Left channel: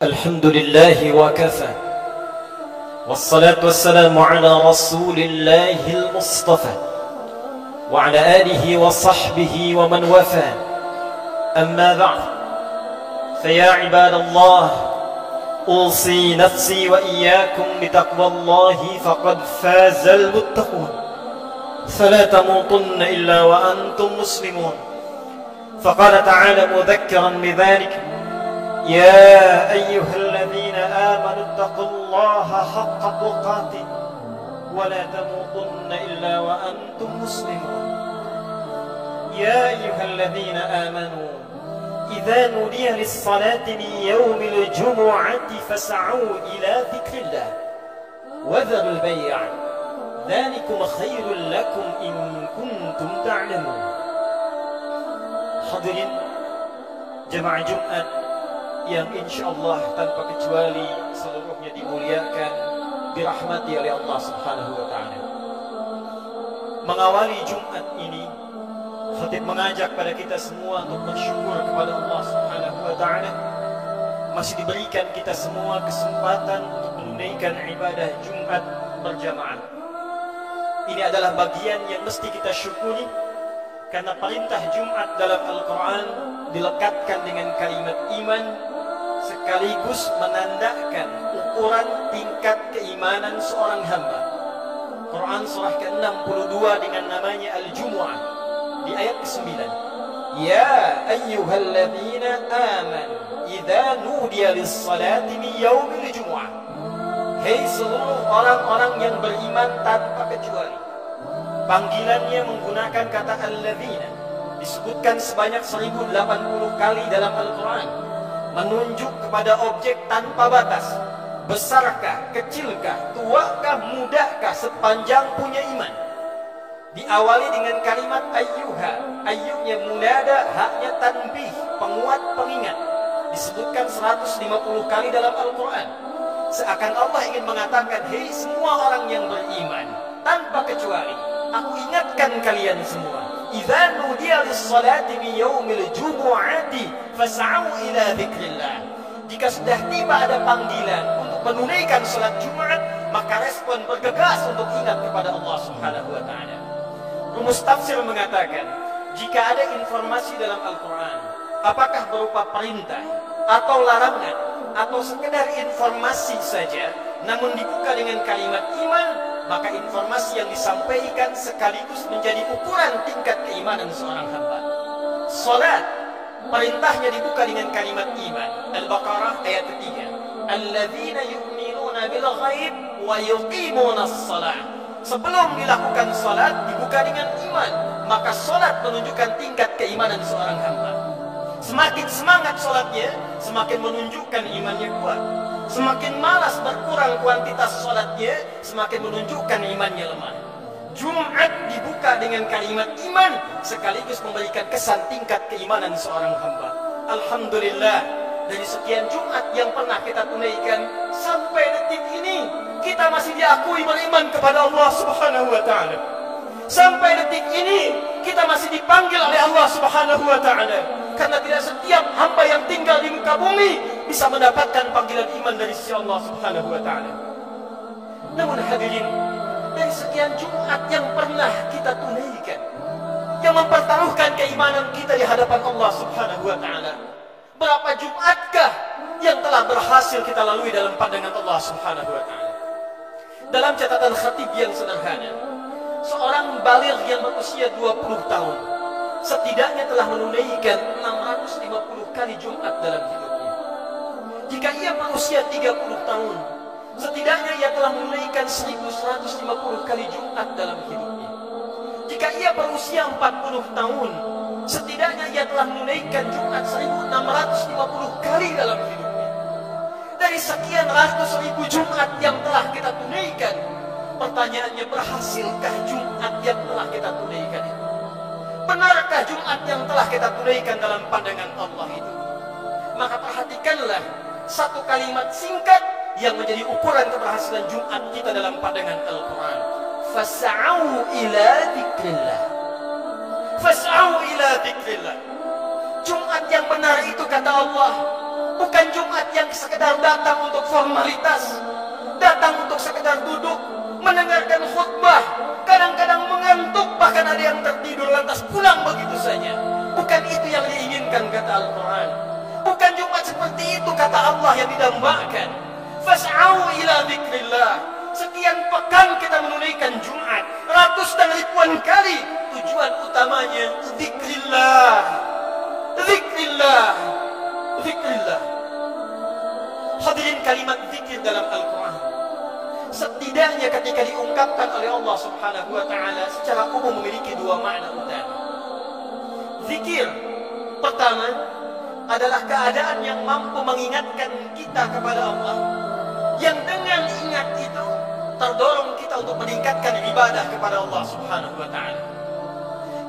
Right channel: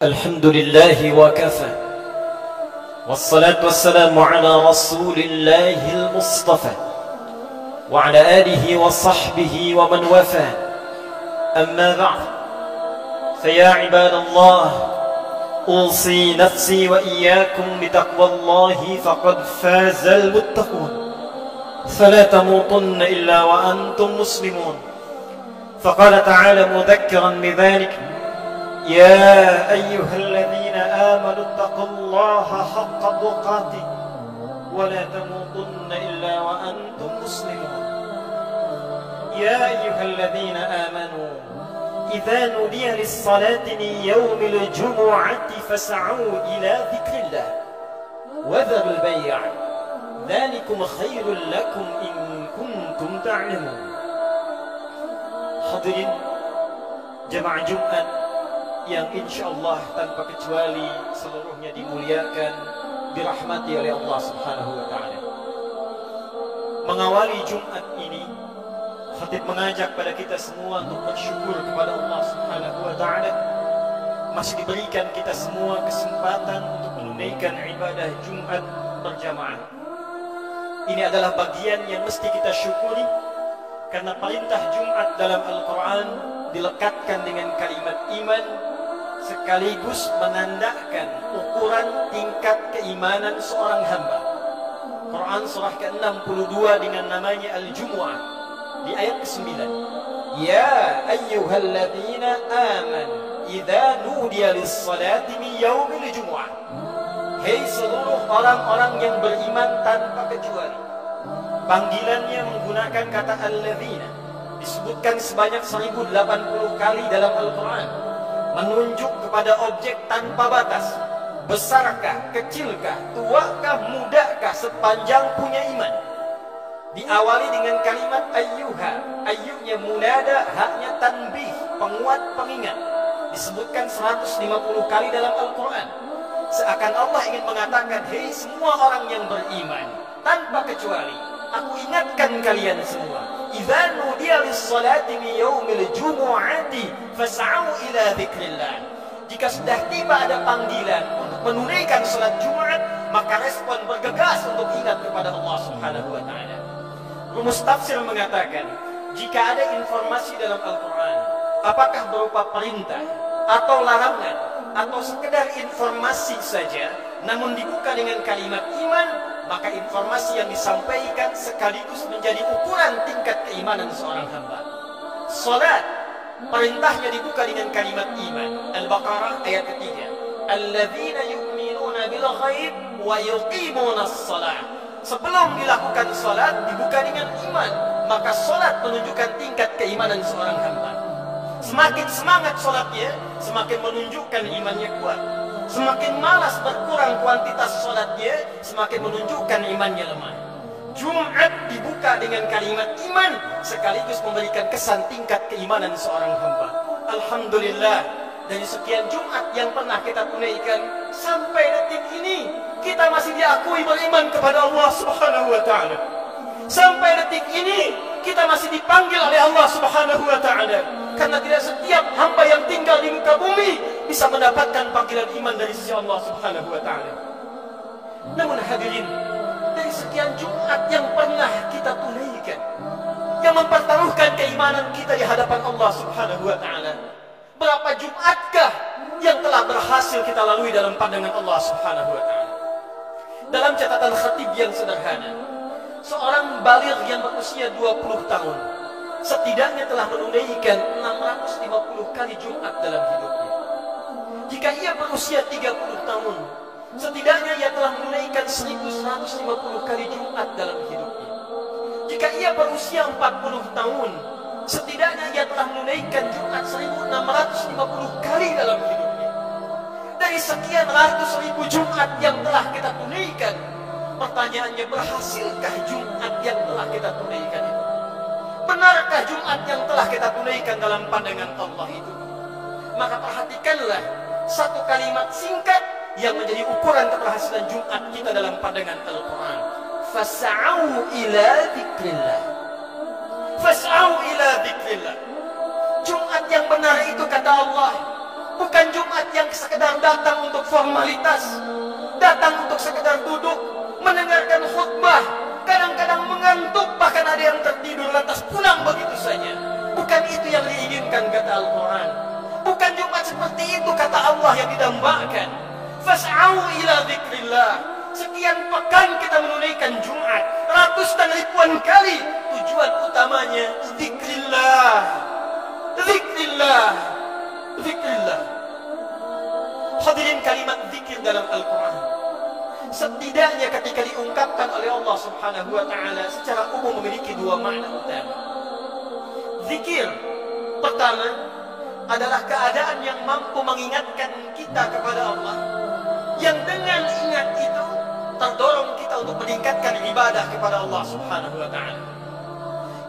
الحمد لله وكفى والصلاة والسلام على رسول الله المصطفى وعلى آله وصحبه ومن وفى. أما بعد، فيا عباد الله، أوصي نفسي وإياكم بتقوى الله فقد فاز المتقون، فلا تموتن إلا وأنتم مسلمون. فقال تعالى مذكرا بذلك: يا أيها الذين آمنوا اتقوا الله حق تقاته ولا تموتن إلا وأنتم مسلمون. يا أيها الذين آمنوا إذا نودي للصلاة من يوم الجمعة فاسعوا إلى ذكر الله وذروا البيع ذلكم خير لكم إن كنتم تعلمون. Hadirin jemaah Jumat yang insyaallah tanpa kecuali seluruhnya dimuliakan, dirahmati oleh Allah Subhanahu wa taala. Mengawali Jumat ini, khatib mengajak pada kita semua untuk bersyukur kepada Allah Subhanahu wa taala masih diberikan kita semua kesempatan untuk menunaikan ibadah Jumat berjamaah. Ini adalah bagian yang mesti kita syukuri, karena perintah Jumat dalam Al-Quran dilekatkan dengan kalimat iman, sekaligus menandakan ukuran tingkat keimanan seorang hamba. Quran surah ke-62 dengan namanya Al-Jumu'ah di ayat ke-9. Ya ayyuhalladzina amanu idza nudiya lis-salati min yaumil jumu'ah. Hei seluruh orang-orang yang beriman tanpa kecuali. Panggilannya menggunakan kata alladzina, disebutkan sebanyak 1080 kali dalam Al-Quran, menunjuk kepada objek tanpa batas. Besarkah, kecilkah, tuakah, mudakah, sepanjang punya iman. Diawali dengan kalimat ayyuha, ayyunya munada, haknya tanbih, penguat pengingat. Disebutkan 150 kali dalam Al-Quran. Seakan Allah ingin mengatakan, hei semua orang yang beriman tanpa kecuali, aku ingatkan kalian semua, idza nudiya lis-salati min yaumil jumu'ati fas'au ila dzikrillah. Jika sudah tiba ada panggilan untuk menunaikan salat Jumat, maka respon bergegas untuk ingat kepada Allah Subhanahu wa taala. Rumus tafsir mengatakan, jika ada informasi dalam Al-Quran, apakah berupa perintah atau larangan atau sekedar informasi saja, namun dibuka dengan kalimat iman, maka informasi yang disampaikan sekaligus menjadi ukuran tingkat keimanan seorang hamba. Salat, perintahnya dibuka dengan kalimat iman. Al-Baqarah ayat ketiga. Alladzina yu'minuna bil ghaib wa yuqimunas shalah. Sebelum dilakukan salat dibuka dengan iman, maka salat menunjukkan tingkat keimanan seorang hamba. Semakin semangat salatnya, semakin menunjukkan imannya kuat. Semakin malas berkurang kuantitas salatnya, semakin menunjukkan imannya lemah. Jumat dibuka dengan kalimat iman, sekaligus memberikan kesan tingkat keimanan seorang hamba. Alhamdulillah, dari sekian Jumat yang pernah kita tunaikan, sampai detik ini kita masih diakui beriman kepada Allah Subhanahu wa taala. Sampai detik ini kita masih dipanggil oleh Allah Subhanahu wa taala. Karena tidak setiap hamba yang tinggal di muka bumi bisa mendapatkan panggilan iman dari sisi Allah Subhanahu wa taala. Namun hadirin, dari sekian Jumat yang pernah kita tunaikan, yang mempertaruhkan keimanan kita di hadapan Allah Subhanahu wa taala, berapa Jumatkah yang telah berhasil kita lalui dalam pandangan Allah Subhanahu wa taala? Dalam catatan khatib yang sederhana, seorang baligh yang berusia 20 tahun setidaknya telah menunaikan 650 kali Jumat dalam hidupnya. Jika ia berusia 30 tahun, setidaknya ia telah menunaikan 1150 kali Jumat dalam hidupnya. Jika ia berusia 40 tahun, setidaknya ia telah menunaikan Jumat 1650 kali dalam hidupnya. Dari sekian ratus ribu Jumat yang telah kita tunaikan, pertanyaannya, berhasilkah Jumat yang telah kita tunaikan itu? Benarkah Jumat yang telah kita tunaikan dalam pandangan Allah itu? Maka perhatikanlah satu kalimat singkat yang menjadi ukuran keberhasilan Jumat kita dalam pandangan Al-Quran. Fas'au ila dzikrillah. Fas'au ila dzikrillah. Jumat yang benar itu, kata Allah, Bukan Jumat yang sekedar datang untuk formalitas, datang untuk sekedar duduk mendengarkan khutbah, kadang-kadang mengantuk, bahkan ada yang tertidur lantas pulang begitu saja. Bukan itu yang diinginkan kata Al-Quran. Bukan Jumat seperti itu kata Allah yang didambakan. Fas'au ila dzikrillah. Sekian pekan kita menunaikan Jumat, ratus dan ribuan kali. Tujuan utamanya dzikrillah. Dzikrillah. Dzikrillah. Hadirin, kalimat zikir dalam Al-Quran setidaknya ketika diungkapkan oleh Allah Subhanahu wa ta'ala secara umum memiliki dua makna utama. Zikir pertama adalah keadaan yang mampu mengingatkan kita kepada Allah, yang dengan ingat itu terdorong kita untuk meningkatkan ibadah kepada Allah Subhanahu wa ta'ala.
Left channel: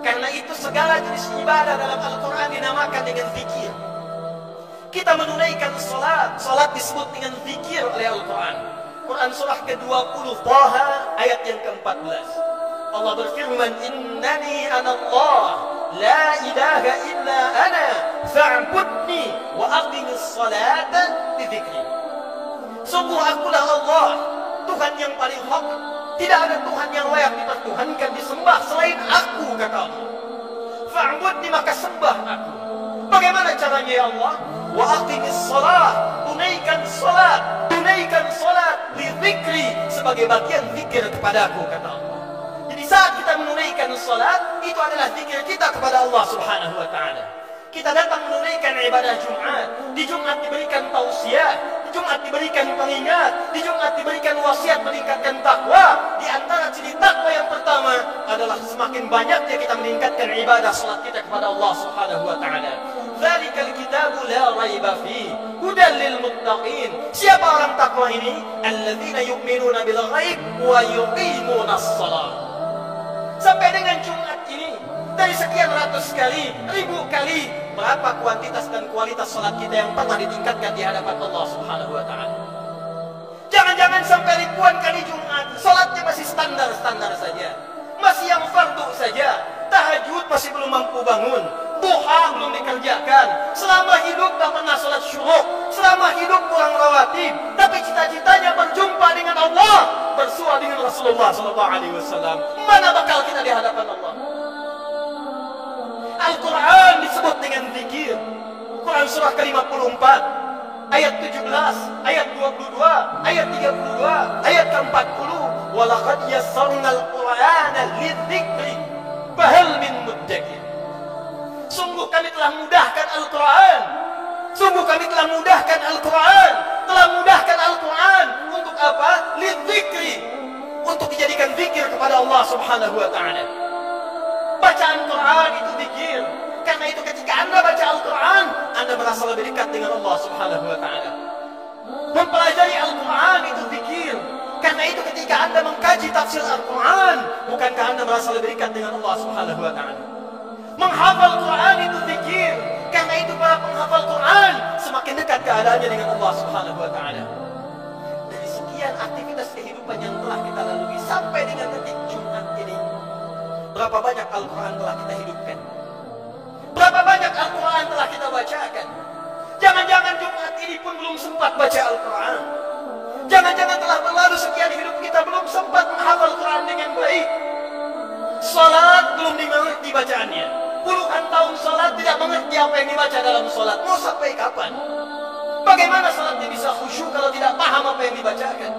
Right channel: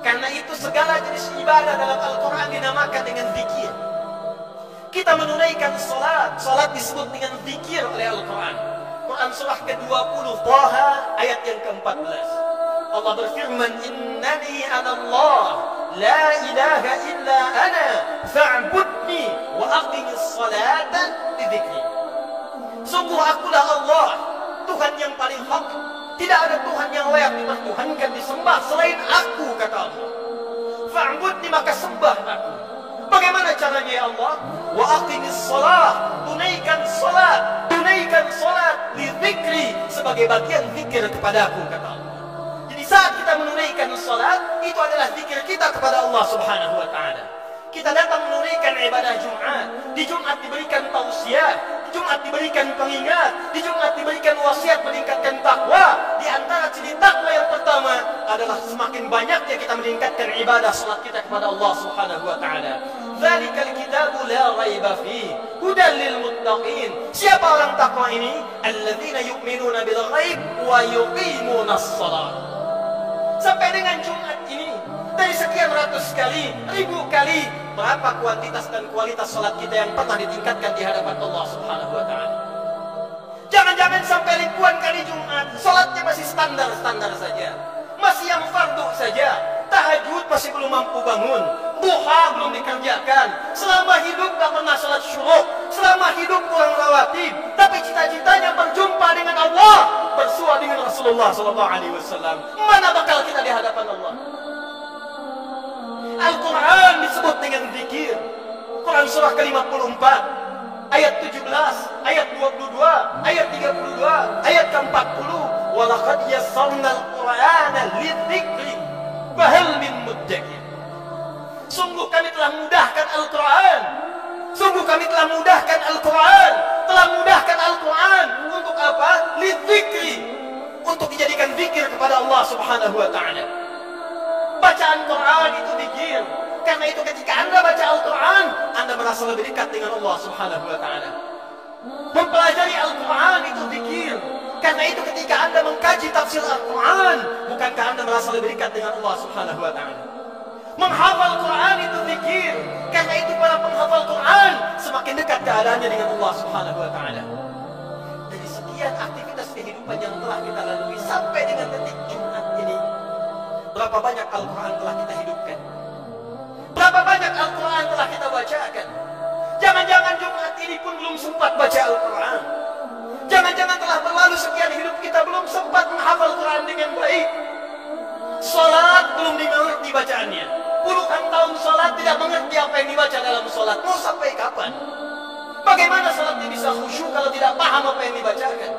Karena itu segala jenis ibadah dalam Al-Quran dinamakan dengan zikir. Kita menunaikan salat, salat disebut dengan zikir oleh Al-Quran. Quran surah ke-20 Taha ayat yang ke-14. Allah berfirman, "Innani anallah, la ilaha illa ana, fa'budni wa aqimis salata li dzikri." Sungguh akulah Allah, Tuhan yang paling hak. Tidak ada Tuhan yang layak dipertuhankan, disembah selain aku, kata Allah. Fa'budni, maka sembah aku. Bagaimana caranya ya Allah? Wa aqimis salat, tunaikan salat, tunaikan salat li dzikri, sebagai bagian zikir kepadaku, kata Allah. Jadi saat kita menunaikan salat, itu adalah zikir kita kepada Allah Subhanahu wa ta'ala. Kita datang menunaikan ibadah Jumat. Di Jumat diberikan tausiah, di Jumat diberikan pengingat, di Jumat diberikan wasiat meningkatkan takwa. Di antara ciri takwa yang pertama adalah semakin banyaknya kita meningkatkan ibadah salat kita kepada Allah Subhanahu wa ta'ala. Dzalikal kitabu la raiba fi hudan lil muttaqin. Siapa orang takwa ini? Alladzina yu'minuna bil ghaib wa yuqimunas shalah. Sampai dengan Jumat ini, dari sekian ratus kali, ribu kali, berapa kuantitas dan kualitas salat kita yang pernah ditingkatkan di hadapan Allah Subhanahu wa ta'ala? Jangan-jangan sampai ribuan kali Jumat, salatnya masih standar-standar saja, masih yang fardu saja, tahajud masih belum mampu bangun, duha belum dikerjakan, selama hidup gak pernah salat syuruk, selama hidup kurang rawatib, tapi cita-citanya berjumpa dengan Allah, bersua dengan Rasulullah SAW. Mana bakal kita di hadapan Allah? Al-Quran disebut dengan zikir. Quran surah ke-54 ayat 17, ayat 22, ayat 32, ayat ke-40. Walaqad yassarnal Qur'ana lidzikri fahal min muddakir. Sungguh kami telah mudahkan Al-Quran. Sungguh kami telah mudahkan Al-Quran. Telah mudahkan Al-Quran untuk apa? Lidzikri, untuk dijadikan zikir kepada Allah Subhanahu wa ta'ala. Bacaan Quran itu zikir. Karena itu ketika Anda baca Al-Quran, Anda merasa lebih dekat dengan Allah Subhanahu wa ta'ala. Mempelajari Al-Quran itu zikir. Karena itu ketika Anda mengkaji tafsir Al-Quran, bukankah Anda merasa lebih dekat dengan Allah Subhanahu wa ta'ala? Menghafal Quran itu zikir. Karena itu para penghafal Quran semakin dekat keadaannya dengan Allah Subhanahu wa ta'ala. Dari sekian aktivitas kehidupan yang telah kita lalui sampai dengan detik Jumat ini, berapa banyak Al-Quran telah kita hidupkan? Berapa banyak Al-Quran telah kita bacakan? Jangan-jangan Jumat ini pun belum sempat baca Al-Quran. Jangan-jangan telah berlalu sekian hidup kita belum sempat menghafal Quran dengan baik. Salat belum dimengerti bacaannya. Puluhan tahun salat tidak mengerti apa yang dibaca dalam salat. Mau sampai kapan? Bagaimana salatnya bisa khusyuk kalau tidak paham apa yang dibacakan?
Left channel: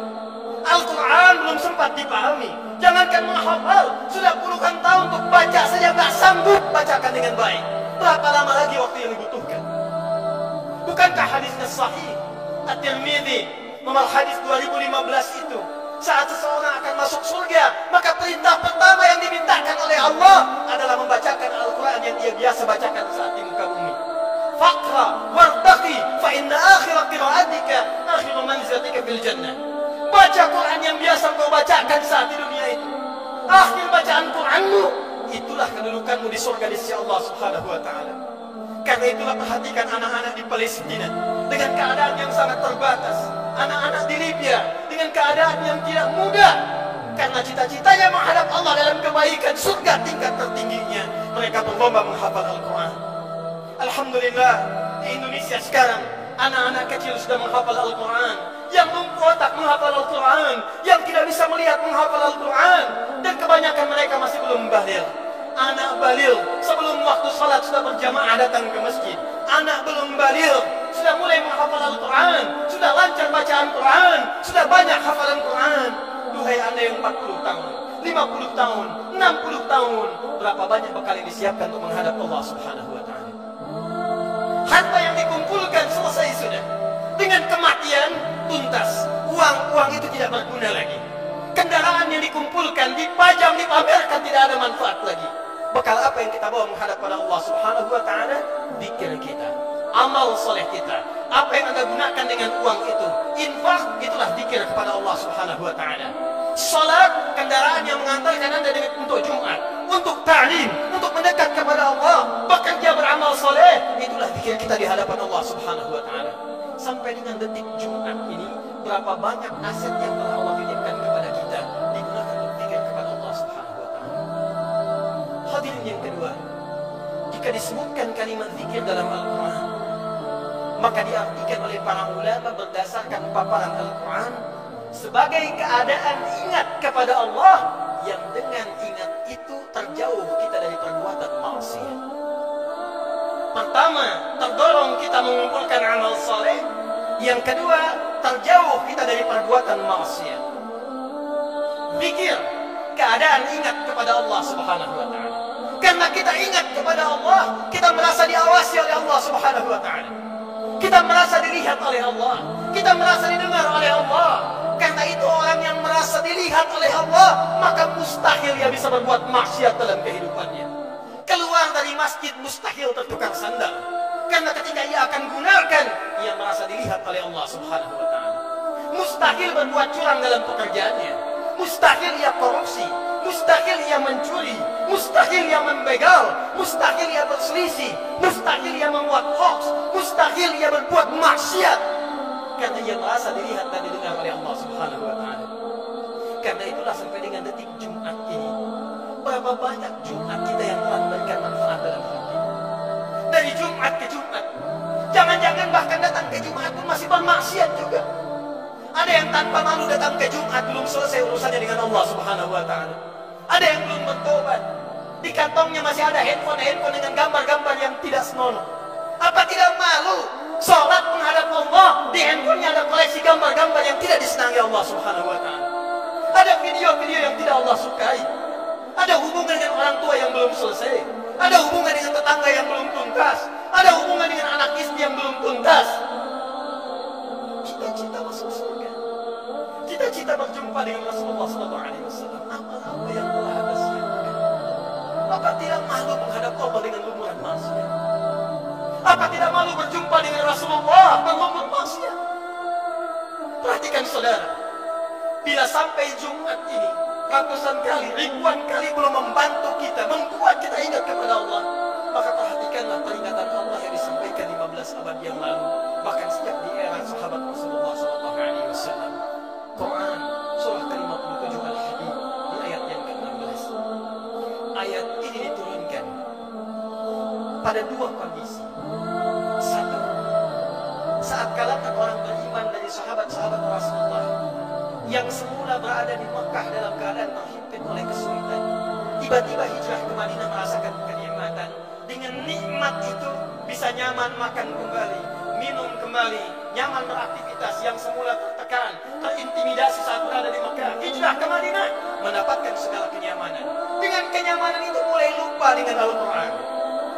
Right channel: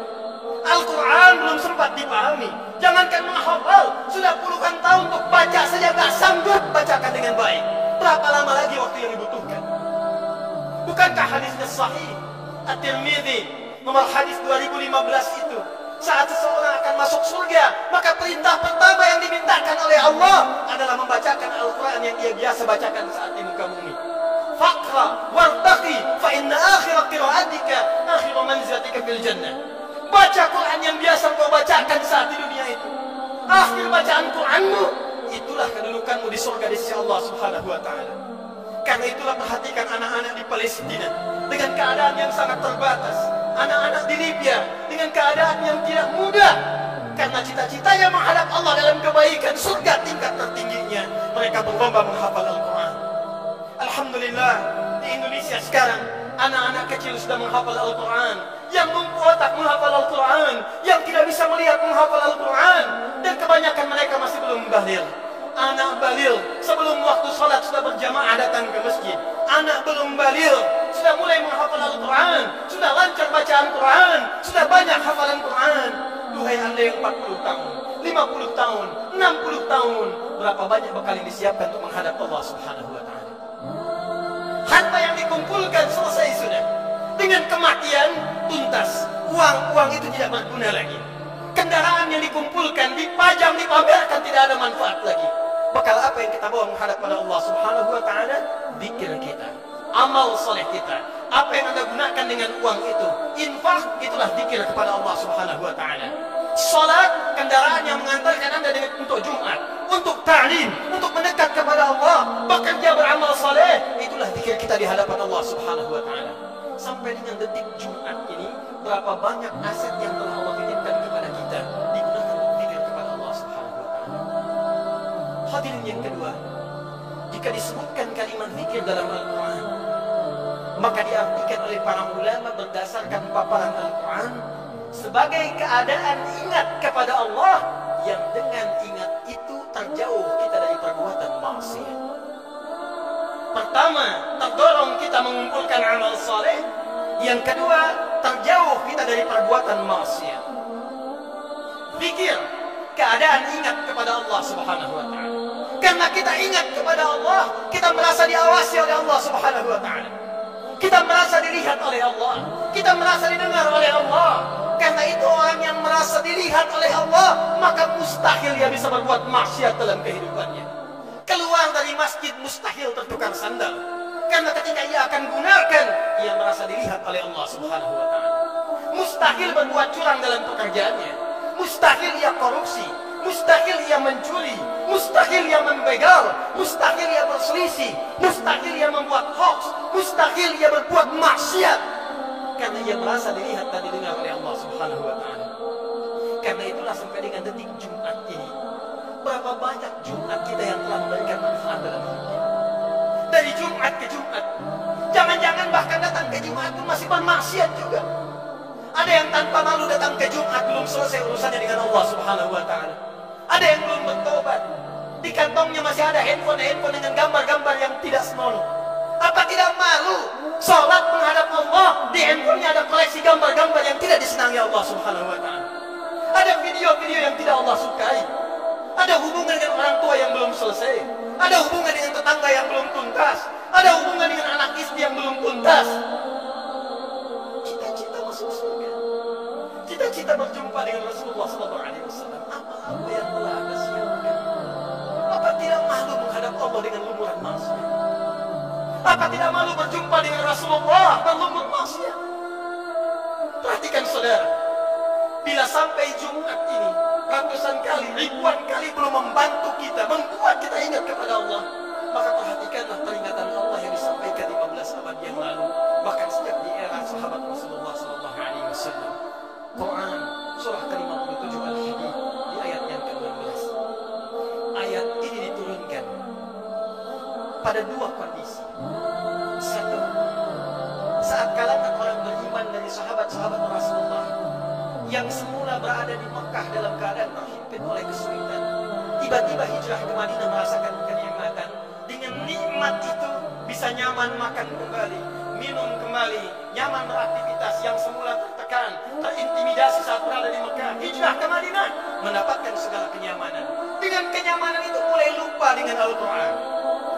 Al-Quran belum sempat dipahami. Jangankan menghafal, sudah puluhan tahun untuk baca saja tak sanggup bacakan dengan baik. Berapa lama lagi waktu yang dibutuhkan? Bukankah hadisnya sahih? At-Tirmidzi nomor hadis 2015 itu, saat seseorang akan masuk surga, maka perintah pertama yang dimintakan oleh Allah adalah membacakan Al-Quran yang dia biasa bacakan saat di muka bumi. Faqra wartaqi fa inna akhira qira'atika akhiru manzilatika fil jannah. Baca Quran yang biasa kau bacakan saat di dunia itu, akhir bacaan Quranmu, itulah kedudukanmu di surga di sisi Allah Subhanahu wa ta'ala. Karena itulah perhatikan anak-anak di Palestina dengan keadaan yang sangat terbatas, anak-anak di Libya dengan keadaan yang tidak mudah, karena cita-citanya menghadap Allah dalam kebaikan surga tingkat tertingginya, mereka berlomba menghafal Al-Quran. Alhamdulillah, di Indonesia sekarang Anak-anak kecil sudah menghafal Al-Quran, yang lumpuh otak menghafal Al-Quran, yang tidak bisa melihat menghafal Al-Quran, dan kebanyakan mereka masih belum baligh. Anak baligh sebelum waktu salat sudah berjamaah datang ke masjid. Anak belum baligh sudah mulai menghafal Al-Quran, sudah lancar bacaan Quran, sudah banyak hafalan Quran. Duhai anda yang 40 tahun, 50 tahun, 60 tahun, berapa banyak bekal yang disiapkan untuk menghadap Allah Subhanahu wa ta'ala. Harta yang dikumpulkan selesai sudah. Dengan kematian tuntas. Uang itu tidak berguna lagi. Kendaraan yang dikumpulkan, dipajang, dipamerkan, tidak ada manfaat lagi. Bekal apa yang kita bawa menghadap pada Allah Subhanahu wa ta'ala? Zikir kita, amal soleh kita. Apa yang anda gunakan dengan uang itu, infak, itulah zikir kepada Allah Subhanahu wa ta'ala. Salat, kendaraan yang mengantarkan anda untuk Jumat, untuk ta'lim, untuk mendekat kepada Allah, bekerja beramal soleh, itulah zikir kita di hadapan Allah Subhanahu wa ta'ala. Sampai dengan detik Jumat ini, berapa banyak aset yang telah Allah titipkan kepada kita digunakan untuk zikir kepada Allah Subhanahu wa ta'ala. Hadirin yang kedua, jika disebutkan kalimat zikir dalam Al-Quran, maka diartikan oleh para ulama berdasarkan paparan Al-Quran sebagai keadaan ingat kepada Allah yang dengan ingat itu terjauh kita dari perbuatan maksiat. Pertama, terdorong kita mengumpulkan amal saleh. Yang kedua, terjauh kita dari perbuatan maksiat. Zikir, keadaan ingat kepada Allah Subhanahu wa ta'ala. Karena kita ingat kepada Allah, kita merasa diawasi oleh Allah Subhanahu wa ta'ala. Kita merasa dilihat oleh Allah, kita merasa didengar oleh Allah. Karena itu orang yang merasa dilihat oleh Allah, maka mustahil ia bisa berbuat maksiat dalam kehidupannya. Keluar dari masjid mustahil tertukar sandal. Karena ketika ia akan gunakan, ia merasa dilihat oleh Allah Subhanahu wa ta'ala. Mustahil berbuat curang dalam pekerjaannya. Mustahil ia korupsi. Mustahil ia mencuri. Mustahil ia membegal. Mustahil ia berselisih. Mustahil ia membuat hoax. Mustahil ia berbuat maksiat. Karena ia merasa dilihat dan didengar oleh Allah Subhanahu wa ta'ala. Karena itulah sampai dengan detik Jumat ini, berapa banyak Jumat kita yang telah memberikan manfaat dalam hidup kita. Dari Jumat ke Jumat, jangan-jangan bahkan datang ke Jumat pun masih bermaksiat juga. Ada yang tanpa malu datang ke Jumat, belum selesai urusannya dengan Allah Subhanahu wa ta'ala. Ada yang belum bertobat, di kantongnya masih ada handphone dengan gambar-gambar yang tidak senonoh. Apa tidak malu sholat menghadap Allah, di handphonenya ada koleksi gambar-gambar yang tidak disenangi Allah Subhanahu wa ta'ala. Ada video-video yang tidak Allah sukai. Ada hubungan dengan orang tua yang belum selesai. Ada hubungan dengan tetangga yang belum tuntas. Ada hubungan dengan anak istri yang belum tuntas. Cita-cita masuk surga, cita-cita berjumpa dengan Rasulullah SAW. Amal apa yang telah Anda siapkan? Apa tidak malu menghadap Allah dengan lumuran maksiat? Apa tidak malu berjumpa dengan Rasulullah berlumur maksiat? Perhatikan saudara, bila sampai Jumat ini ratusan kali, ribuan kali belum membantu kita, membuat kita ingat kepada Allah, maka perhatikanlah peringatan Allah yang disampaikan 15 abad yang lalu, bahkan sejak di era sahabat Rasulullah SAW. Quran surah ke-57 Al-Hadid di ayat yang ke-16. Ayat ini diturunkan pada dua kondisi. Satu, saat kalangan orang beriman dari sahabat-sahabat Rasulullah yang semula berada di Mekah dalam keadaan terhimpit oleh kesulitan, tiba-tiba hijrah ke Madinah merasakan kenikmatan. Dengan nikmat itu bisa nyaman makan kembali, minum kembali, nyaman beraktivitas. Yang semula tertekan, terintimidasi saat berada di Mekah, hijrah ke Madinah mendapatkan segala kenyamanan. Dengan kenyamanan itu mulai lupa dengan Al-Quran,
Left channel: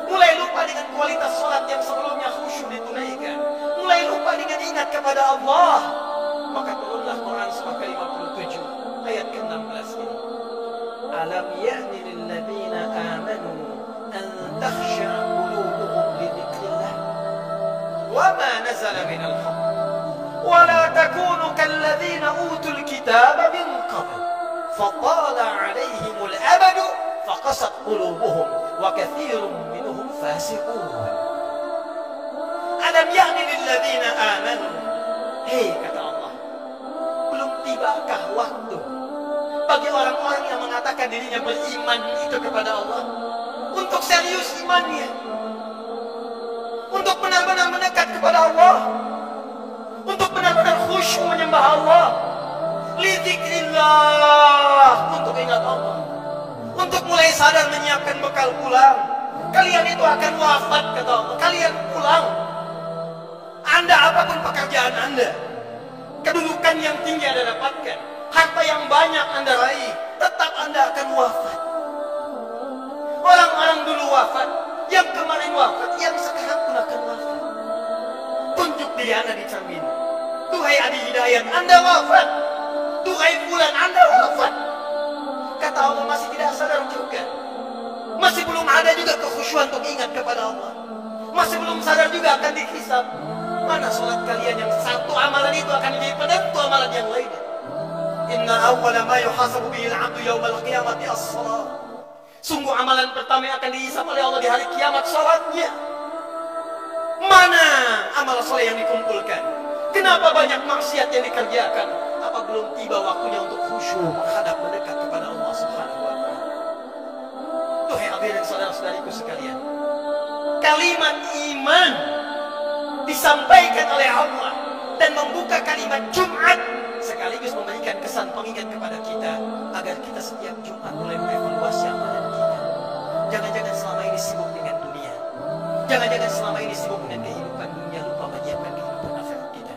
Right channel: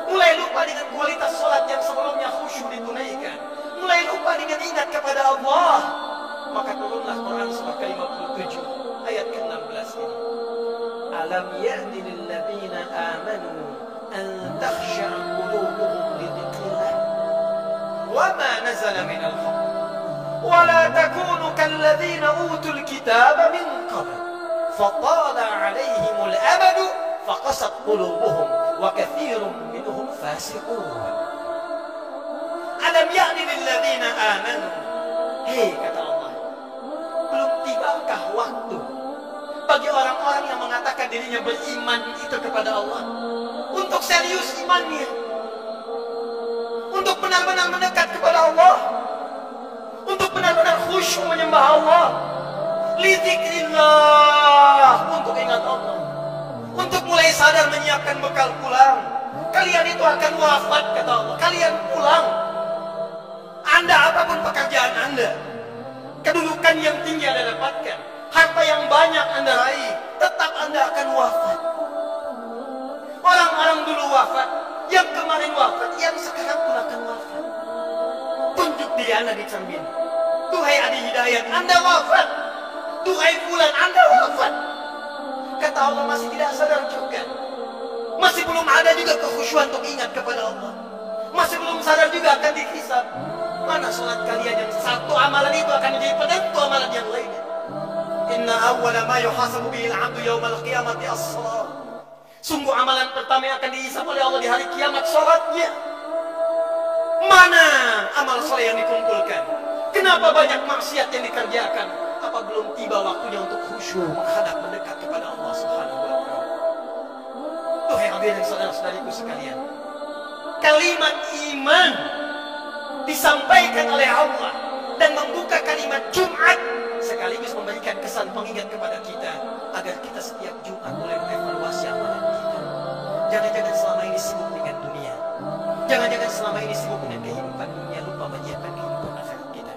mulai lupa dengan kualitas sholat yang sebelumnya khusyuk ditunaikan, mulai lupa dengan ingat kepada Allah. Maka turunlah Quran surah ke-57 ayat ke-16 ini. Alam ya'ni lilladzina amanu an takhsha'a qulubuhum li dzikrillah wa ma nazala minal haqq wa la takunu kalladzina utul kitaba min qabl fatala 'alaihimul amadu faqasat qulubuhum wa katsirun minhum fasiqun. Alam ya'ni lilladzina amanu, hei kata Allah, belum tibakah waktu bagi orang-orang yang mengatakan dirinya beriman itu kepada Allah untuk serius imannya, untuk benar-benar mendekat kepada Allah, untuk benar-benar khusyuk menyembah Allah, lidzikrillah, untuk ingat Allah, untuk mulai sadar menyiapkan bekal pulang. Kalian itu akan wafat, kata Allah. Kalian pulang. Anda apapun pekerjaan Anda, kedudukan yang tinggi Anda dapatkan, harta yang banyak Anda raih, tetap Anda akan wafat. Orang-orang dulu wafat, yang kemarin wafat, yang sekarang pun akan wafat. Tunjuk diri Anda di cermin. Duhai Adi Hidayat, Anda wafat. Duhai Fulan, Anda wafat. Kata Allah, masih tidak sadar juga. Masih belum ada juga kekhusyuan untuk ingat kepada Allah. Masih belum sadar juga akan dihisab. Mana sholat kalian yang satu amalan itu akan menjadi penentu amalan yang lainnya. Inna awwala ma yuhasabu bihil abdu yawmal qiyamati as-salat. Sungguh amalan pertama yang akan dihisab oleh Allah di hari kiamat, sholatnya. Mana amal soleh yang dikumpulkan? Kenapa banyak maksiat yang dikerjakan? Apa belum tiba waktunya untuk khusyuk menghadap mendekat kepada Allah Subhanahu wa Ta'ala? Duhai hadirin saudara-saudariku sekalian, kalimat iman disampaikan oleh Allah dan membuka kalimat Jumat sekaligus memberikan kesan pengingat kepada kita agar kita setiap Jumat mulai mengevaluasi amalan kita. Jangan-jangan selama ini sibuk dengan dunia. Jangan-jangan selama ini sibuk dengan kehidupan dunia, lupa menyiapkan kehidupan akhirat kita.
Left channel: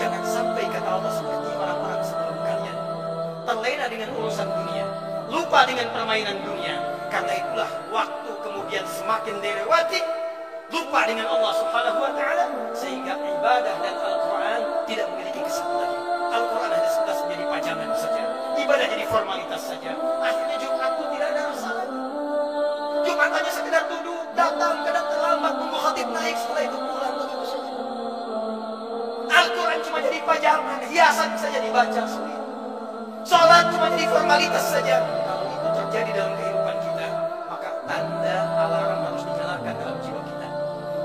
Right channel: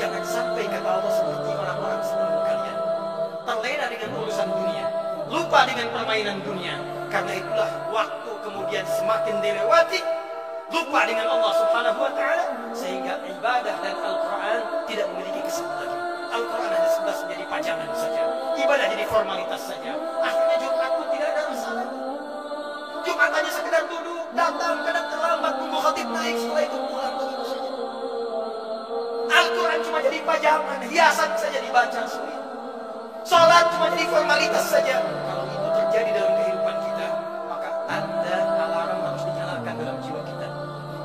Jangan sampai kata Allah seperti orang-orang sebelum kalian terlena dengan urusan dunia, lupa dengan permainan dunia. Karena itulah waktu kemudian semakin dilewati, lupa dengan Allah Subhanahu wa Ta'ala, sehingga ibadah dan Al-Quran tidak memiliki kesan lagi. Al-Quran hanya sekedar menjadi pajangan saja, ibadah jadi formalitas saja. Akhirnya Jumat pun tidak ada rasa lagi. Jumat hanya sekedar duduk, datang, kadang terlambat, tunggu khatib naik, setelah itu pulang, begitu saja. Al-Quran cuma jadi pajangan, hiasan saja dibaca sulit. Sholat cuma jadi formalitas saja. Kalau itu terjadi dalam kehidupan kita, maka tanda alarm harus dinyalakan dalam jiwa kita.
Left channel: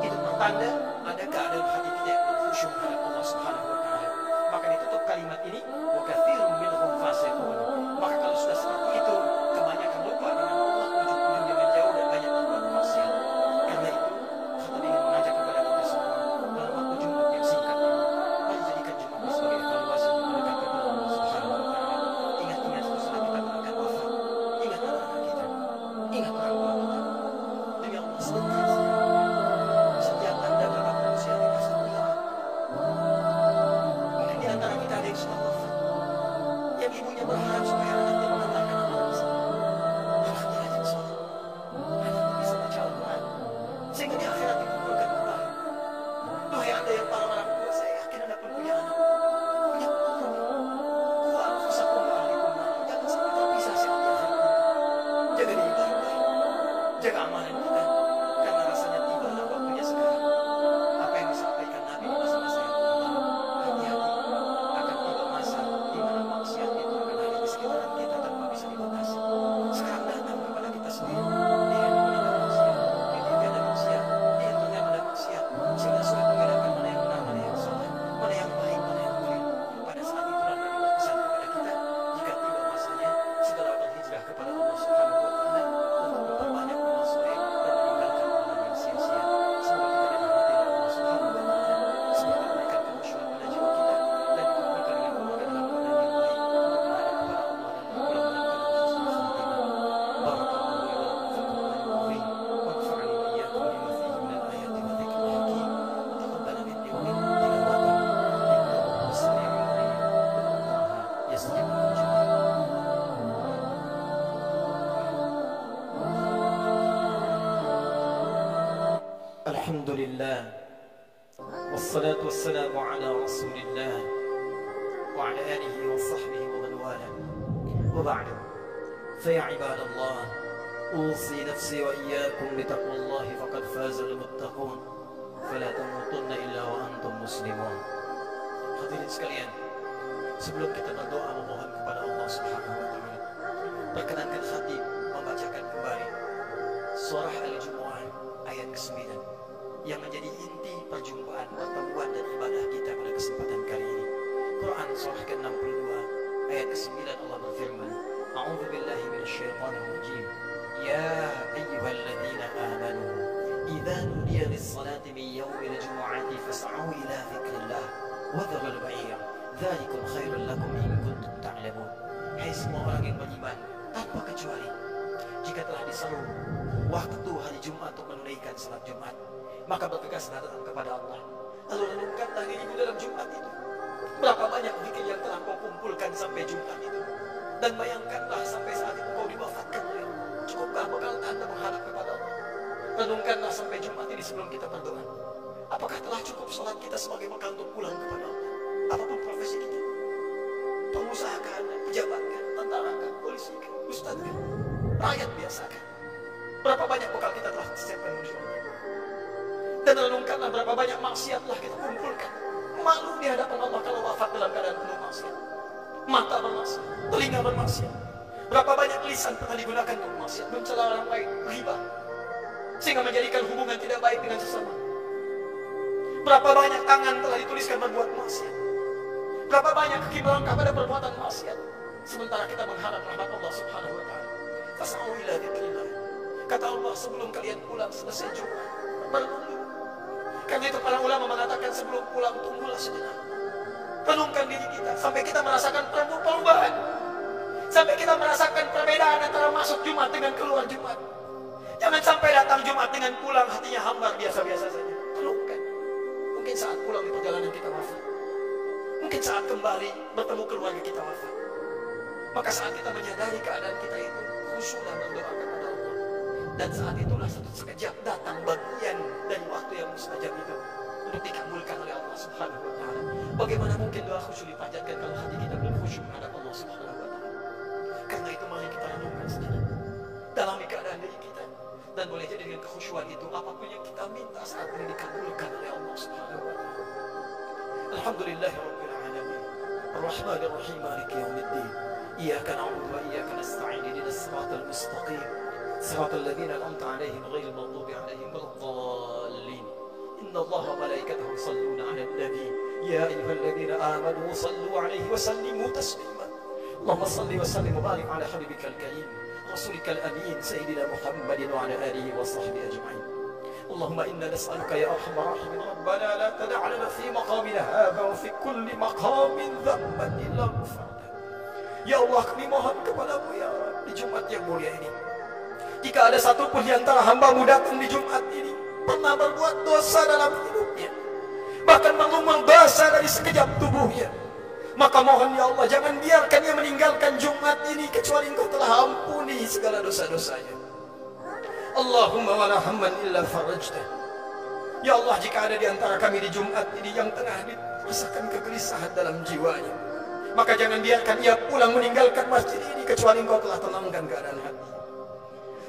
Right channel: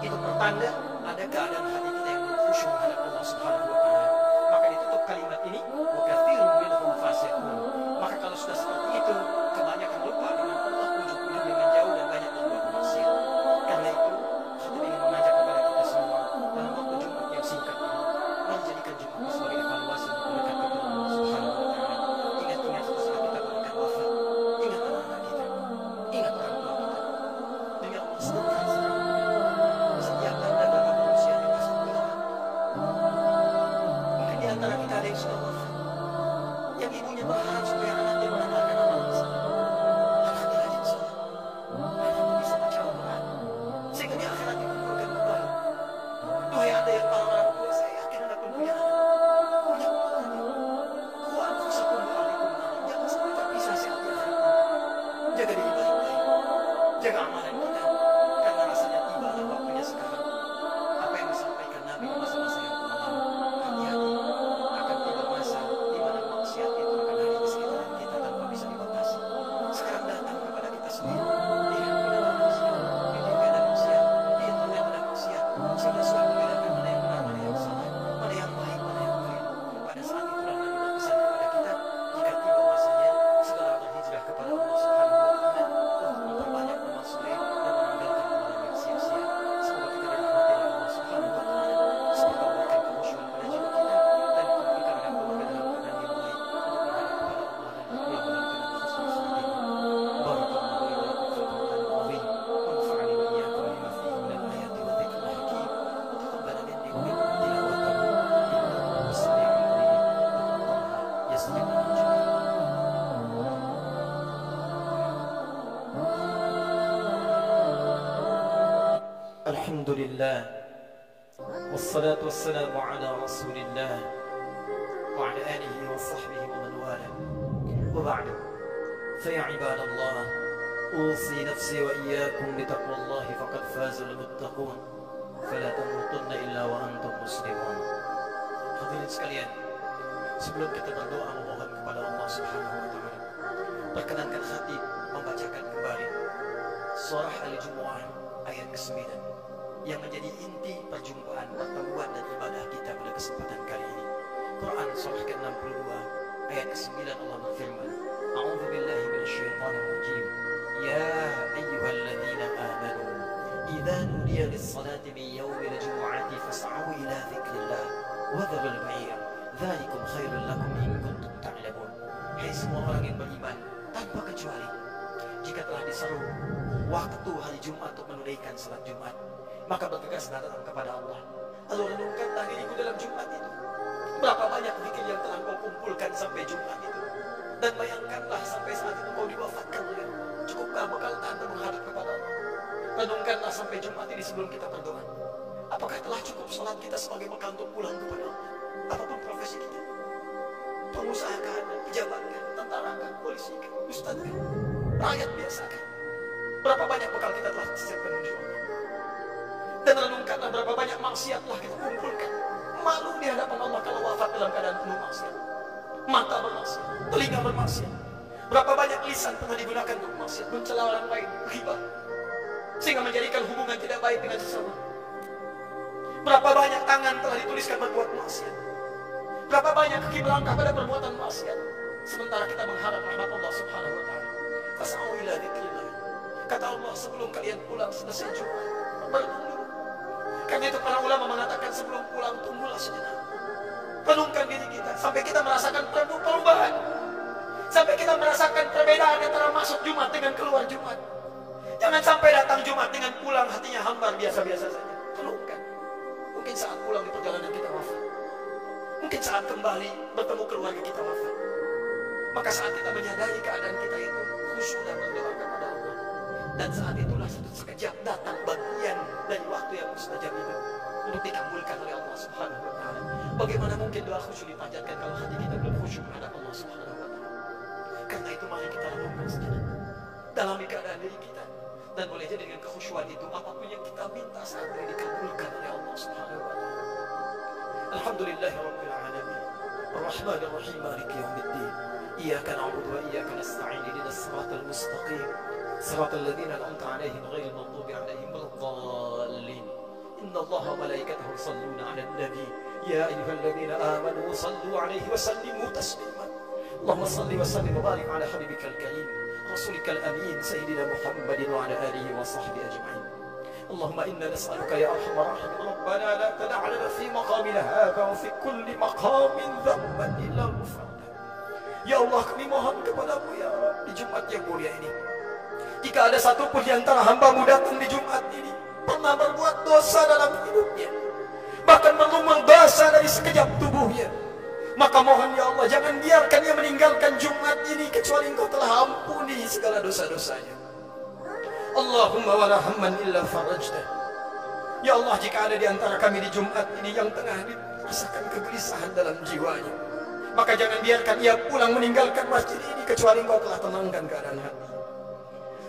Itu pertanda ada keadaan hati kita yang khusyuk menghadap Allah Subhanahu wa Ta'ala. Maka ditutup kalimat ini, wa katsirun minhum fasiqun. Maka kalau sudah seperti itu, kebanyakan lupa dengan Allah, ujung-ujungnya menjauh dan banyak berbuat maksiat. Karena itu, khatib ingin mengajak kepada kita semua dalam waktu Jumat yang singkat ini, mari jadikan Jumat ini sebagai evaluasi untuk mendekat kepada Allah Subhanahu wa Ta'ala. Ingat-ingat setelah kita berikan wafat, ingat anak-anak kita, ingat orang tua kita. Demi Allah, sebentar saja. Setiap tanda berapa manusia yang pasti hilang. Mungkin di antara kita ada yang sudah wafat, yang ibunya berharap supaya anaknya mengantarkan amal soleh. Anaknya rajin sholat, anaknya bisa baca Al-Quran, sehingga di akhirat dikumpulkan kembali. Duhai Anda yang para orang tua, saya yakin Anda pun punya anak, punya keluarga. Ku anfusakum wa ahlikum nar. Jangan sampai terpisah saat di akhirat nanti. Jaga diri baik-baik, jaga amalan kita, karena rasanya tibalah waktunya sekarang. Apa yang disampaikan Nabi di masa-masa yang lalu, hati-hati, akan tiba masa di mana maksiat itu akan hadir di sekitaran kita tanpa bisa dibatasi. Sekarang datang kepada kita sendiri. Di handphone ada maksiat, di TV ada maksiat, di internet ada maksiat, sehingga sudah membedakan mana yang benar, mana yang salah, mana yang baik, mana yang keliru. Pada saat itulah Nabi berpesan kepada kita, jika tiba masanya, segala berhijrah kepada Allah Subhanahu wa Ta'ala untuk memperbanyak amal soleh dan meninggalkan amalan yang sia-sia. Semoga kita dirahmati oleh Allah Subhanahu wa Ta'ala. Semoga memberikan kekhusyuan pada jiwa kita dan dikumpulkan dengan keluarga dalam keadaan yang baik untuk menghadap kepada Allah dan berpulang dalam keadaan husnul khatimah. Barakallahu li wa lakum fil Qur'anil azim wa nafa'ani wa iyyakum bima fihi minal ayati wa dzikril hakim wa taqabbala minni wa minkum tilawatahu innahu huwas sami'ul 'alim. Wallaha yastajib lakum jami'an. Alhamdulillah, wassalatu wassalamu ala rasulillah wa ala alihi wa sahbihi wa man wala. Wa ba'du, fa ya ibadallah, usi nafsi wa iyyakum bitaqwallahi faqad fazal muttaqun, fala tamutunna illa wa antum muslimun. Hadirin sekalian, sebelum kita berdoa memohon kepada Allah Subhanahu wa Ta'ala, perkenankan khatib membacakan kembali surah Al-Jumu'ah ayat ke-9 yang menjadi inti perjumpaan, pertemuan dan ibadah kita pada kesempatan kali ini. Quran surah ke-62 ayat ke-9 Allah berfirman, A'udzu billahi minasyaitonir rajim. Ya ayyuhalladzina amanu idza nudiya lis-salati min yaumil jumu'ati fas'au ila dzikrillah wa dharul bai'a dzalikum khairul lakum in kuntum ta'lamun. Hai semua orang yang beriman tanpa kecuali, jika telah diseru waktu hari Jumat untuk menunaikan salat Jumat, maka bertegaslah datang kepada Allah. Lalu renungkanlah dirimu dalam Jumat itu. Berapa banyak zikir yang telah kau kumpulkan sampai Jumat itu. Dan bayangkanlah sampai saat itu kau diwafatkan oleh Allah. Cukupkah bekal Anda menghadap kepada Allah? Renungkanlah sampai Jumat ini sebelum kita berdoa. Apakah telah cukup salat kita sebagai bekal untuk pulang kepada Allah? Apapun profesi kita, pengusaha kah, pejabat kah, tentara kah, polisi kah, ustaz kah, rakyat biasa kah? Berapa banyak bekal kita telah siapkan menuju Allah? Dan renungkanlah berapa banyak maksiat telah kita kumpulkan. Malu di hadapan Allah kalau wafat dalam keadaan penuh maksiat. Mata bermaksiat, telinga bermaksiat. Berapa banyak lisan pernah digunakan untuk maksiat, mencela orang lain, riba, sehingga menjadikan hubungan tidak baik dengan sesama. Berapa banyak tangan telah dituliskan berbuat maksiat. Berapa banyak kaki melangkah pada perbuatan maksiat, sementara kita mengharap rahmat Allah Subhanahu wa taala. Fas'au ila dzikrillah. Kata Allah, sebelum kalian pulang selesai Jumat, berenung dulu. Karena itu para ulama mengatakan sebelum pulang tunggulah sejenak. Renungkan diri kita sampai kita merasakan perubahan. Sampai kita merasakan perbedaan antara masuk Jumat dengan keluar Jumat. Jangan sampai datang Jumat dengan pulang hatinya hambar biasa-biasa saja. Renungkan. Mungkin saat pulang di perjalanan kita wafat. Mungkin saat kembali bertemu keluarga kita wafat. Maka saat kita menyadari keadaan kita itu, khusyuk dan berdoa kepada Allah. Dan saat itulah satu sekejap datang bagian dari waktu yang mustajab itu untuk dikabulkan oleh Allah Subhanahu wa taala. Bagaimana mungkin doa khusyuk dipanjatkan kalau hati kita belum khusyuk menghadap Allah Subhanahu wa taala? Karena itu mari kita renungkan sejenak. Dalami keadaan diri kita, dan boleh jadi dengan kekhusyuan itu apapun yang kita minta saat ini dikabulkan oleh Allah Subhanahu wa taala. Alhamdulillahirabbil alamin. Arrahmanir rahim, maliki yaumiddin. Iyyaka na'budu wa iyyaka nasta'in. Ihdinas siratal mustaqim. Siratal ladzina an'amta 'alaihim ghairil maghdubi 'alaihim waladdallin. Innallaha wa malaikatahu yusalluna 'alan nabi. Ya ayyuhalladzina amanu sallu 'alaihi wa sallimu taslima. Allahumma salli wa sallim wa barik 'ala habibikal karim rasulikal amin sayyidina Muhammadin wa 'ala alihi wa sahbihi ajma'in. Allahumma inna nas'aluka ya arhamar rahimin rabbana la tada' lana fi maqamina hadha wa fi kulli maqamin dhanban illa ghafarta. Ya Allah, kami mohon kepadamu ya Rabb di Jumat yang mulia ini. Jika ada satupun di antara hamba-Mu datang di Jumat ini pernah berbuat dosa dalam hidupnya, bahkan berlumur basah dari sekejap tubuhnya, maka mohon ya Allah, jangan biarkan ia meninggalkan Jumat ini kecuali Engkau telah ampuni segala dosa-dosanya. Allahumma wala hamman illa farajtah. Ya Allah, jika ada di antara kami di Jumat ini yang tengah dirasakan kegelisahan dalam jiwanya, maka jangan biarkan ia pulang meninggalkan masjid ini kecuali Engkau telah tenangkan keadaan hati.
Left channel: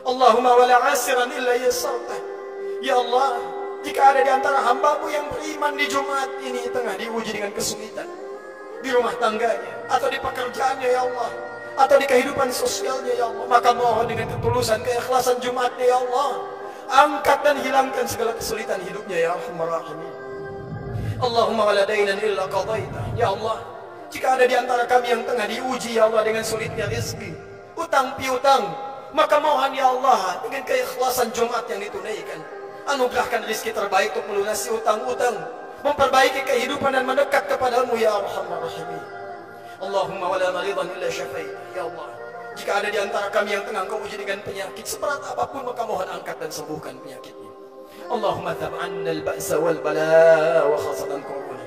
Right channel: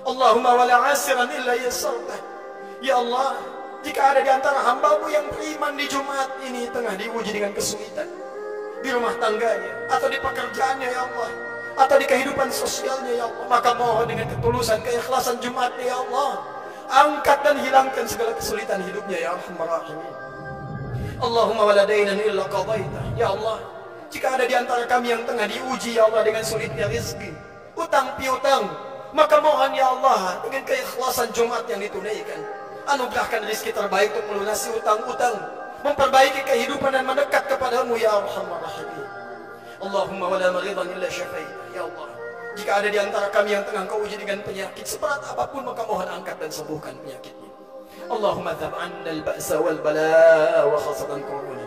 Allahumma wala asiran illa yasartah. Ya Allah, jika ada di antara hamba-Mu yang beriman di Jumat ini tengah diuji dengan kesulitan di rumah tangganya, atau di pekerjaannya ya Allah, atau di kehidupan sosialnya ya Allah, maka mohon dengan ketulusan, keikhlasan Jumatnya ya Allah, angkat dan hilangkan segala kesulitan hidupnya ya Arhamar Rahimin. Allahumma wala dainan illa qadaitah. Ya Allah, jika ada di antara kami yang tengah diuji ya Allah dengan sulitnya rezeki, utang piutang, maka mohon ya Allah dengan keikhlasan Jumat yang ditunaikan, anugerahkan rezeki terbaik untuk melunasi utang-utang, memperbaiki kehidupan dan mendekat kepadamu ya Arhamar Rahimin. Allahumma wala maridan illa syafaita. Ya Allah, jika ada di antara kami yang tengah Kau uji dengan penyakit seberat apapun, maka mohon angkat dan sembuhkan penyakitnya. Allahumma dhab 'anna al-ba'sa wal bala wa khasatan corona.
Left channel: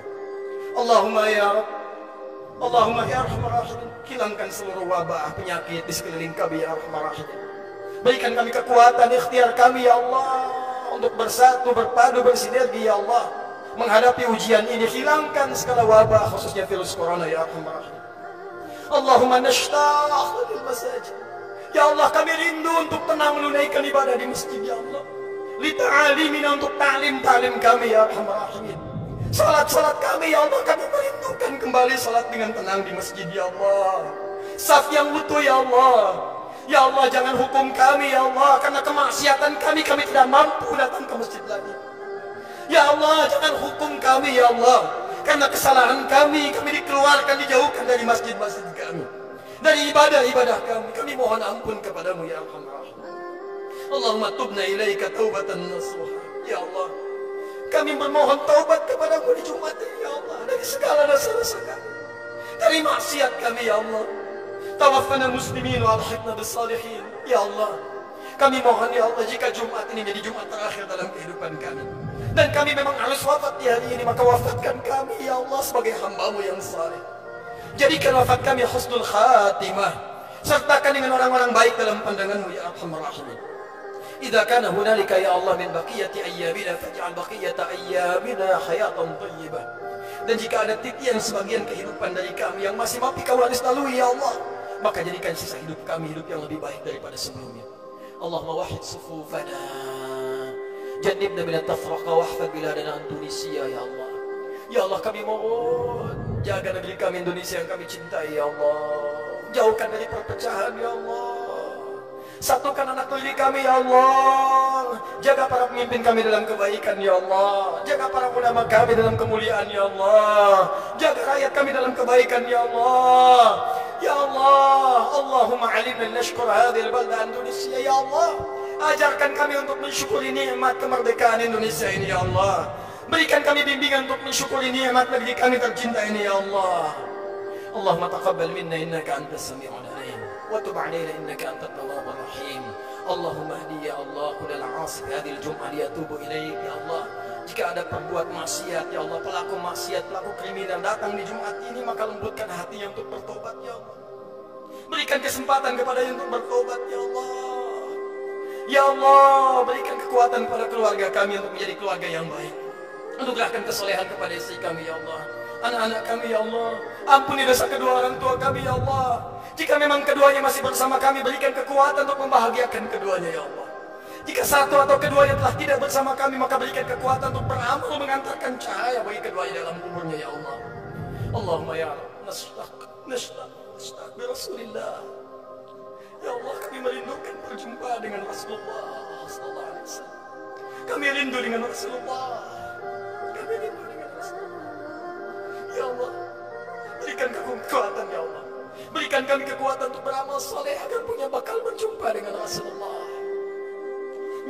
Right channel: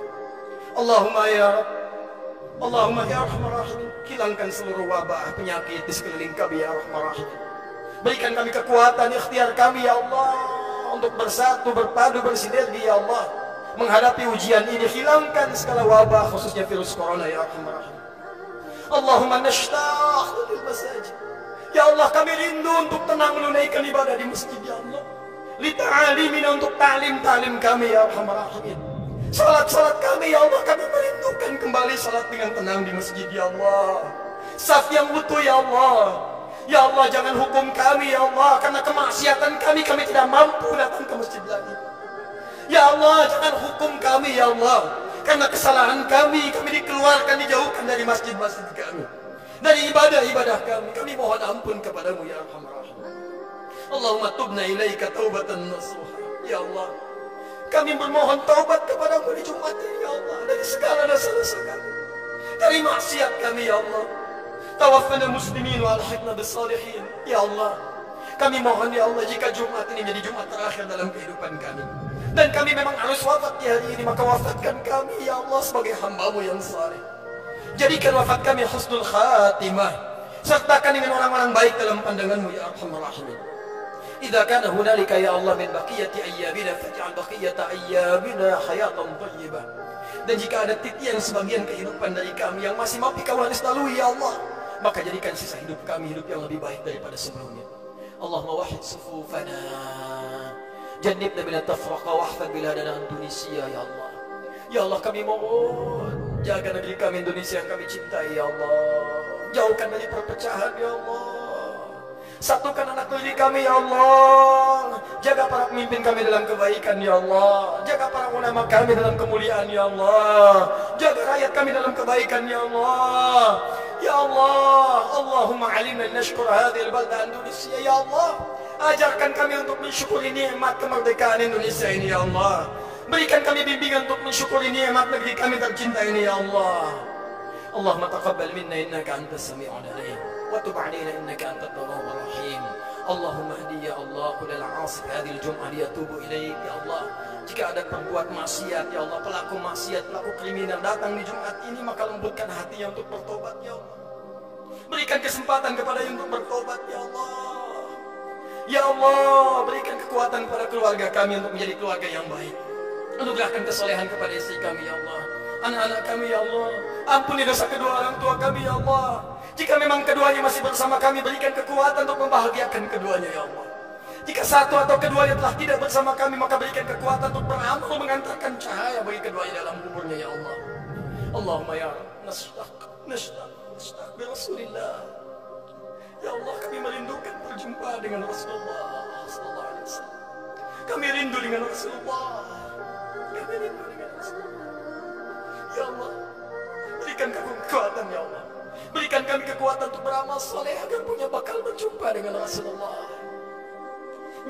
Allahumma ya Rabb, Allahumma ya Arhamar Rahimin, hilangkan seluruh wabah penyakit di sekeliling kami ya Arhamar Rahimin. Berikan kami kekuatan ikhtiar kami ya Allah untuk bersatu, berpadu, bersinergi ya Allah menghadapi ujian ini. Hilangkan segala wabah khususnya virus corona ya Arhamar Rahimin. Allahumma nashtaq lil masajid. Ya Allah, kami rindu untuk tenang menunaikan ibadah di masjid ya Allah. Li ta'alimina, untuk ta'lim kami ya Arhamar Rahimin. Salat kami ya Allah, kami merindukan kembali salat dengan tenang di masjid ya Allah. Saf yang utuh ya Allah. Ya Allah, jangan hukum kami ya Allah, karena kemaksiatan kami tidak mampu datang ke masjid lagi. Ya Allah, jangan hukum kami ya Allah, karena kesalahan kami dikeluarkan, dijauhkan dari masjid-masjid kami, dari ibadah-ibadah kami. Kami mohon ampun kepadamu ya Arhamar Rahimin. Allahumma tubna ilaika taubatan nasuha. Ya Allah, Kami bermohon taubat kepadamu di Jumat ini ya Allah, dari segala dosa-dosa kami, dari maksiat kami ya Allah. Tawaffana muslimin wa alhiqna bis salihin. Ya Allah, kami mohon ya Allah, jika Jumat ini menjadi Jumat terakhir dalam kehidupan kami, dan kami memang harus wafat di hari ini, maka wafatkan kami ya Allah sebagai hamba-Mu yang saleh. Jadikan wafat kami husnul khatimah, sertakan dengan orang-orang baik dalam pandangan-Mu ya Arhamar Rahimin. Idza kana hunalika ya Allah min baqiyati ayyamina faj'al baqiyata ayyamina hayatan thayyibah. Dan jika ada titian sebagian kehidupan dari kami yang masih mampu Kau harus lalui ya Allah, maka jadikan sisa hidup kami hidup yang lebih baik daripada sebelumnya. Allahumma wahid sufufana, jannibna minat tafraqa wahfad biladana Indonesia ya Allah. Ya Allah, kami mohon jaga negeri kami Indonesia yang kami cintai ya Allah. Jauhkan dari perpecahan ya Allah. Satukan anak negeri kami ya Allah. Jaga para pemimpin kami dalam kebaikan ya Allah. Jaga para ulama kami dalam kemuliaan ya Allah. Jaga rakyat kami dalam kebaikan ya Allah. Ya Allah, Allahumma alimna nashkur hadhihi al-balda Indonesia ya Allah. Ajarkan kami untuk mensyukuri nikmat kemerdekaan Indonesia ini ya Allah. Berikan kami bimbingan untuk mensyukuri nikmat negeri kami tercinta ini ya Allah. Allahumma taqabbal minna innaka antas sami'ul alim wa tub 'alaina innaka antat tawwabur rahim. Allahumma hdi ya Allah kullal 'asif hadhihi al-jum'ah liyatubu ilaik ya Allah. Jika ada perbuat maksiat ya Allah, pelaku maksiat, pelaku kriminal datang di Jumat ini, maka lembutkan hatinya untuk bertobat ya Allah. Berikan kesempatan kepadanya untuk bertobat ya Allah. Ya Allah, berikan kekuatan kepada keluarga kami untuk menjadi keluarga yang baik. Anugerahkan kesolehan kepada istri kami ya Allah, anak-anak kami ya Allah. Ampuni dosa kedua orang tua kami ya Allah. Jika memang keduanya masih bersama kami, berikan kekuatan untuk membahagiakan keduanya ya Allah. Jika satu atau keduanya telah tidak bersama kami, maka berikan kekuatan untuk beramal mengantarkan cahaya bagi keduanya dalam kuburnya ya Allah. Allahumma ya Rabb, nastaq bi Rasulillah. Ya Allah, kami merindukan berjumpa dengan Rasulullah sallallahu alaihi wasallam. Kami rindu dengan Rasulullah. Kami rindu dengan Rasulullah. Ya Allah, berikan kekuatan ya Allah. Berikan kami kekuatan untuk beramal soleh agar punya bakal berjumpa dengan Rasulullah.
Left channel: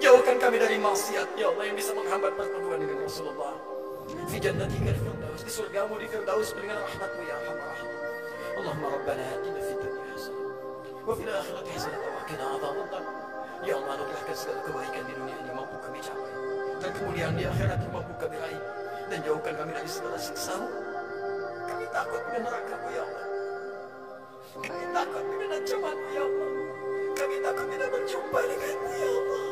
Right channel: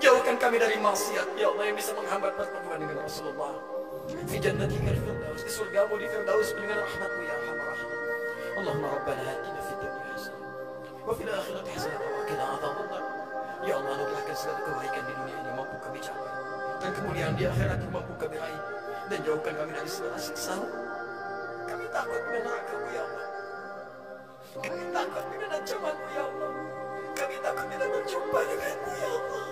Jauhkan kami dari maksiat ya Allah yang bisa menghambat pertemuan dengan Rasulullah. Fi jannatikal firdaus, di surgamu di firdaus dengan rahmatmu ya Arhamar Rahimin. Allahumma rabbana atina fid dunya hasanah wa fil akhirati hasanah wa qina adzabannar. Ya Allah, anugerahkan segala kebaikan di dunia ini mampu kami capai, dan kemuliaan di akhirat mampu kami raih, dan jauhkan kami dari segala siksa-Mu. Kami takut dengan neraka-Mu ya Allah. Kami takut dengan ancaman-Mu ya Allah. Kami takut tidak berjumpa dengan-Mu ya Allah.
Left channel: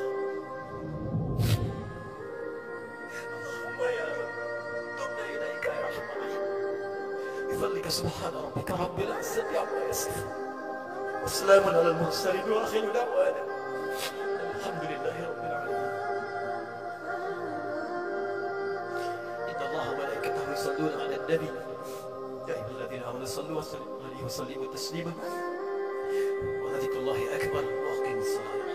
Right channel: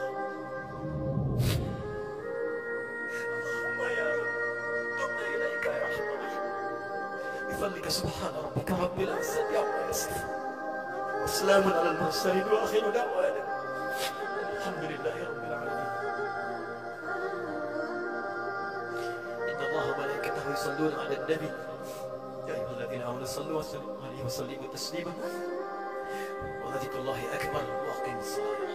Allahumma ya Rabb, tubna ilaika ya Arhamar Rahimin. Bifadlika subhana rabbika rabbil izzati amma yasifun. Wassalamun alal mursalin wa akhiru da'wana alhamdulillahi rabbil alamin. Inna Allaha wa malaikatahu yusalluna 'alan nabi. Ya ayyuhalladzina amanu sallu wa sallimu alaihi wa sallimu taslima. Wa dzikrullahi akbar wa aqimus salat.